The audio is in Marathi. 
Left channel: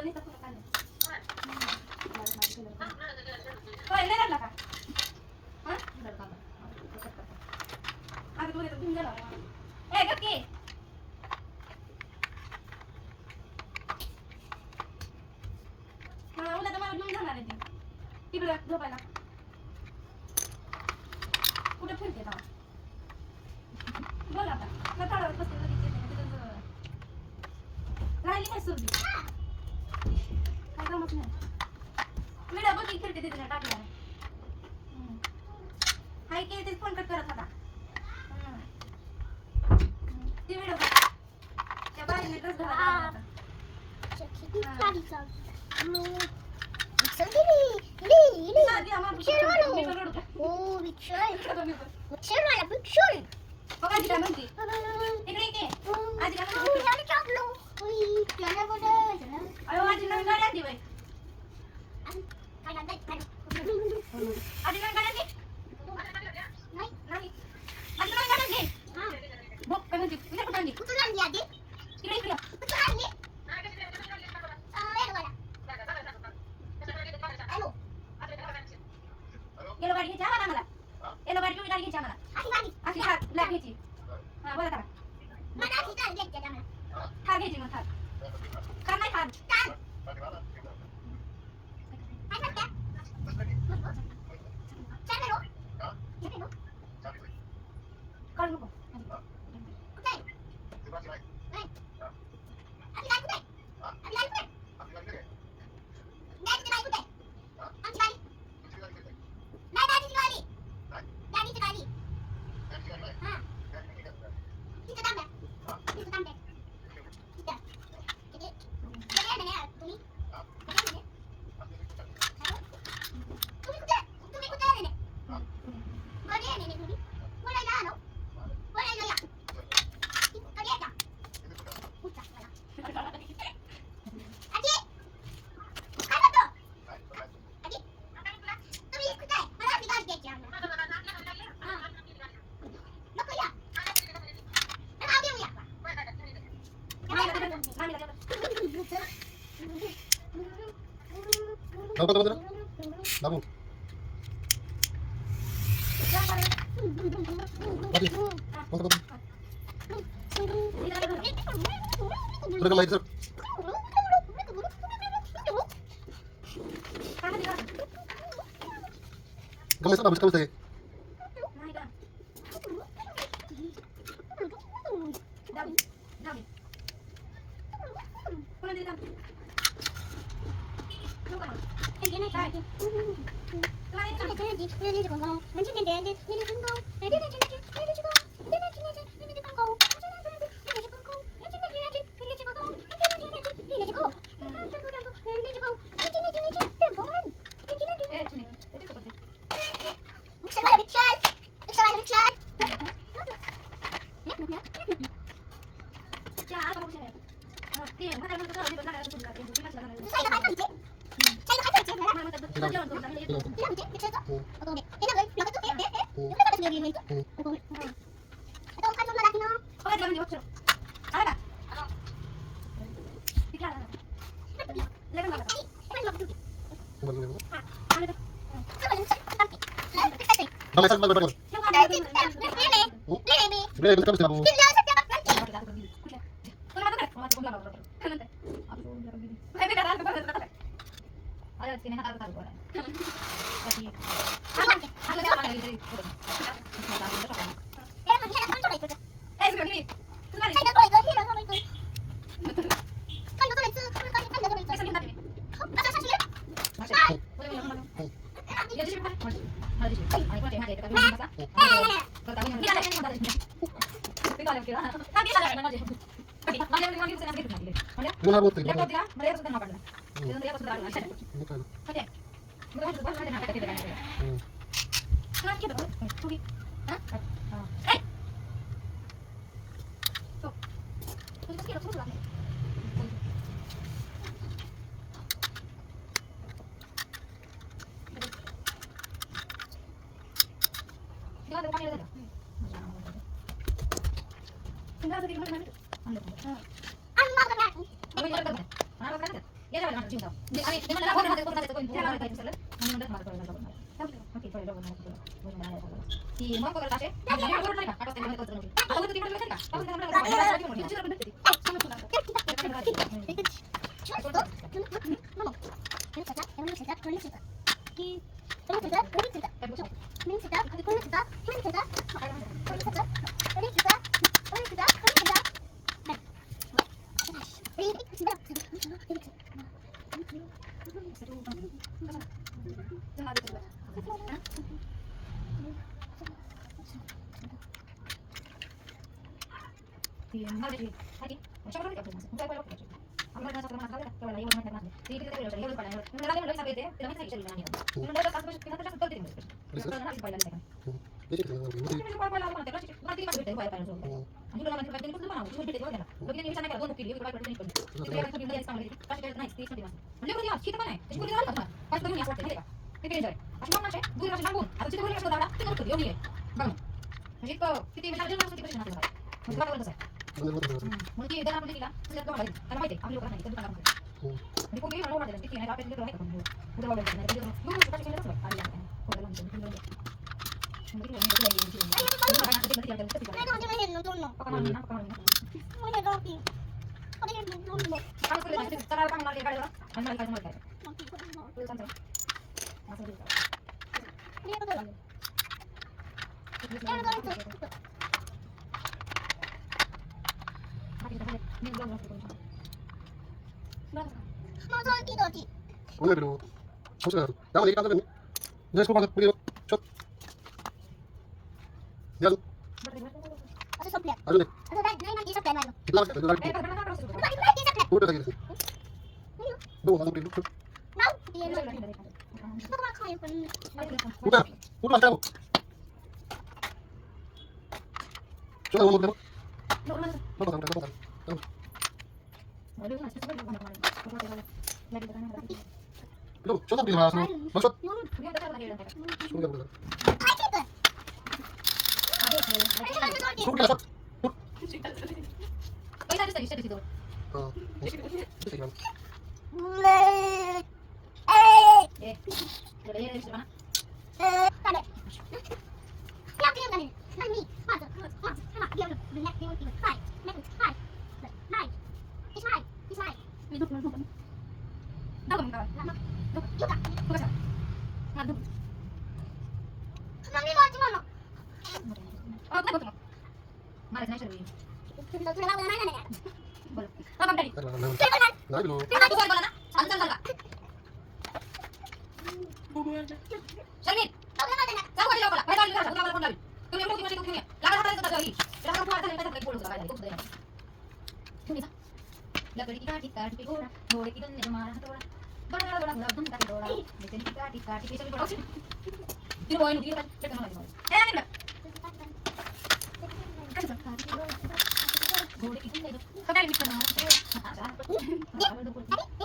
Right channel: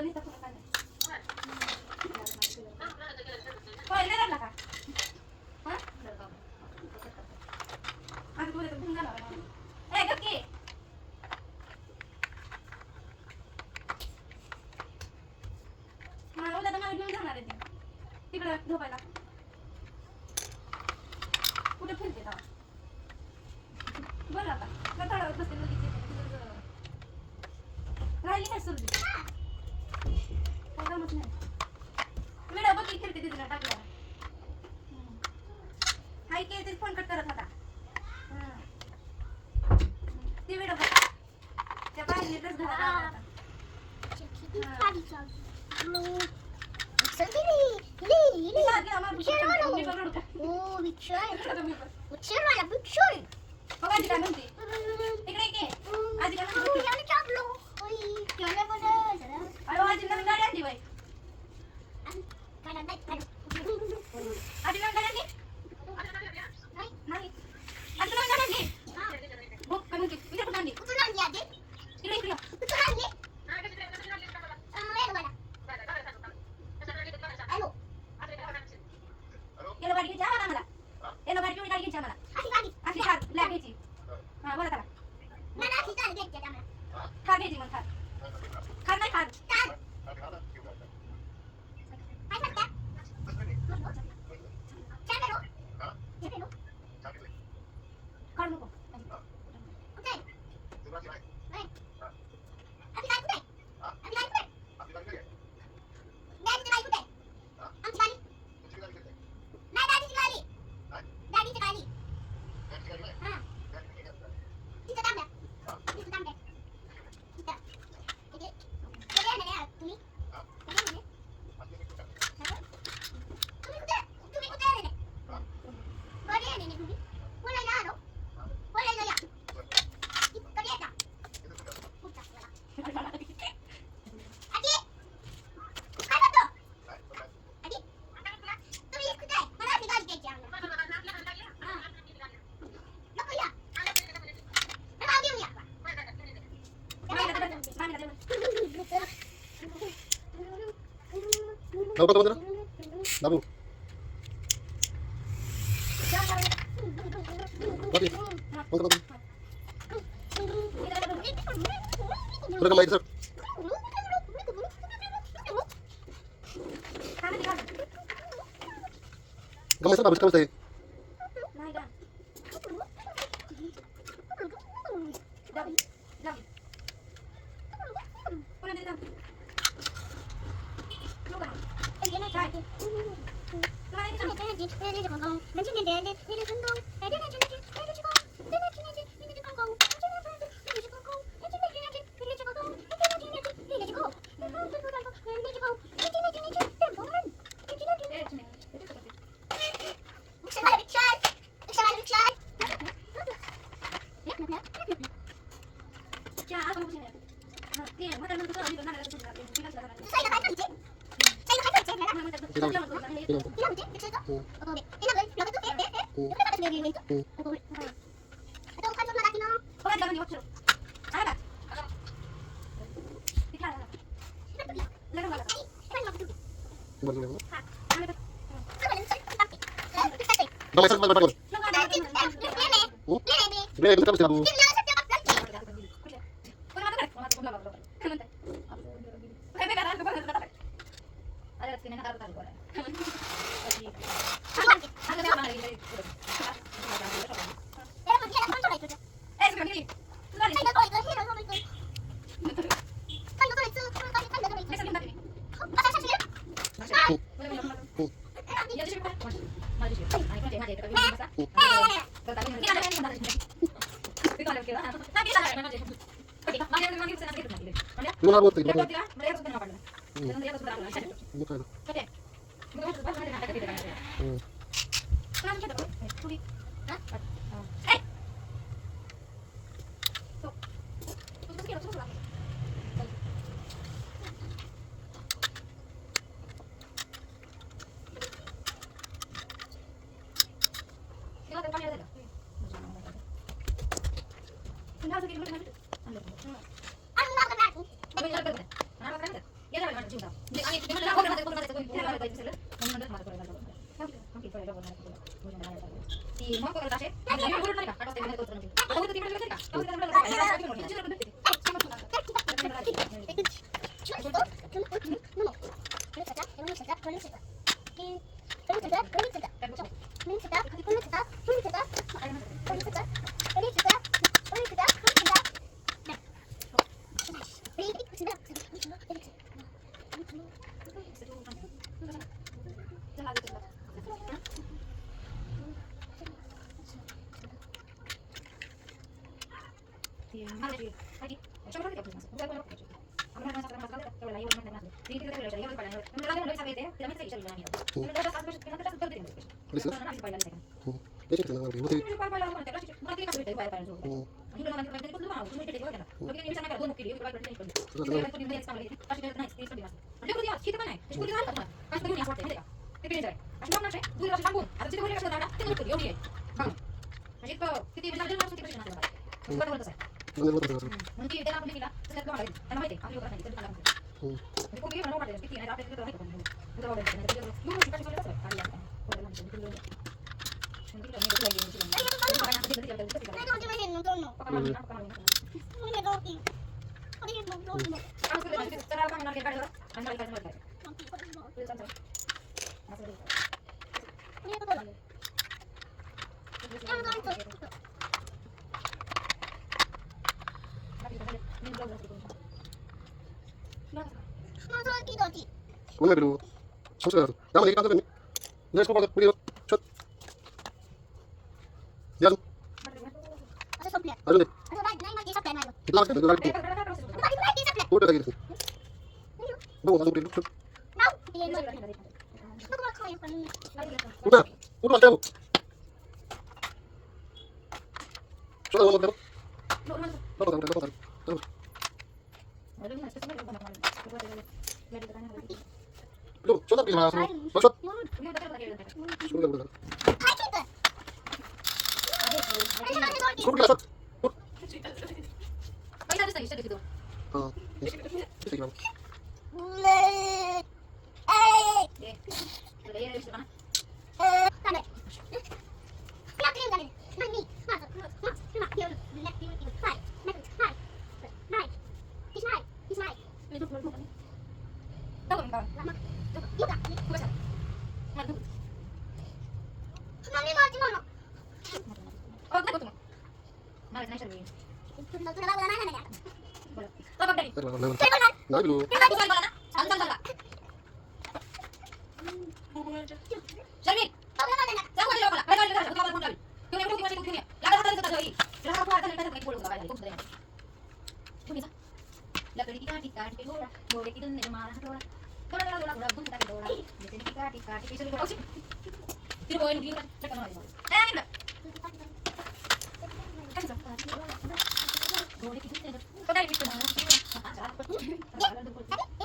तुला नुसता फोटो काढला. होय, नाही लागला का? हां? आम्ही तुला घेऊन जाणार आहे. ए, गप की. उद्या तर मला घेऊन जाणार आहे ती. तिकडं झोपायला. कुठे फिरते आता? बघ आता. मी थोड्यावर बसते, लगेच येते. तिथं राहिली नाही सुरली. काही कामच नाही. विडा बघ की खेळते तिथं टाकल्यावर. हाय की ते फोन कट करत होता. ती व्हिडिओ त्या बाईने ड्रेस घाला होता. आजी काय म्हणते? इकडे ये की. आजी काय म्हणते? अरे आजी नवीन गाडी आणली बाई. आजी नवीन गाडी आणली? नाही. आजी नवीन गाडी आणली? बघ काय म्हणते? विचार कुठं आणली? इकडे इकडे. येलो गाडी घ्यायची आम्हाला आम्हाला. येलो गाडी पिवळी गाडी घ्यायची आम्हाला. अशी थार ब्लॅक घ्यायची. हा बोला करा. थार घ्यायची मग थार. थार नाही थार. काढ नको. Babu, babu. Babi, babu, babu. Udah kembali sir. Kembali sir, habis tadi. मग करत असे आणि बरोबर नाही का काटा असते तो तर आता होतं तिकडे का thì mai thì ai đi trong đó thì cũng không phải amma na sakana masala kala layu na kana ti ti ti layu pa na na layu sabe te te na sai chali na ni na da kasma ke na ta te ni na na pa la ni Ini kita nak buat. ni pa pa la ma te na ti ka te pa pa so ani na na te ko na ko te ko na lo que ni sana ka do mukili ko pa ni ko ni ka ta ni sa mali pa te na ti so bina ani ko dia kita mana isku dia apa pas tu ni asal te ka te pe jare asma na che du na se bangun ata te ko ni ka te ko yo ni bang ani ko kiti na dia na te ko na ko ba ta sa Ini buat. mungkin dia nak beli lah saya kau lagi karena mai ambil orang itu bukan aku ni kau ni mana orang ada kita ni ada itu orang itu itu orang itu dia lu mesti kasih kita ada yang kau dalam itu mungkin ni itu lagi mungkin ni banyak kita tidak ada kita Ano naman yun, nung pakai mana pakai mana Ano na doti? Ano yun, nung tono? kalau sudah itu cara orang nak dekat orang anda dekat orang itu santai masih dekat Ano yun, tono? Ano tono ito? ni belum belum Ano doti, doti? Mana dulu? Susah. Yang mana kita ni? Dah sekolah pergi shot. Yang Ano sa plat? ada ni. Ano ba? Nine months sa plat ano? Kita lagi ada lagi. eh berapa terus Ano ba? Nine months sa plat? Udah lagi. Dong, langsung pergi shot. Now? Hindi yun. Ano ba kayo? Udah. Udah tahu. Soal mau berapa? Berapa tadi? Berapa tadi? Belum. Shot pergi mana? Masuk. Sudah sudah. Ay, kita! Ano naman ito, doti? Sudah shot. Ah. Sige. Kami. Kaya kaya kami. Nani? Masa. Masa. Sama. Dia udah. Next dia udah. Five. Next. Five. Nine. It's nine. It's nine. Yuka. Mami mo, timo no. Tulo tulo lang na na na. Nah, dulu. Tahu na na na. Ini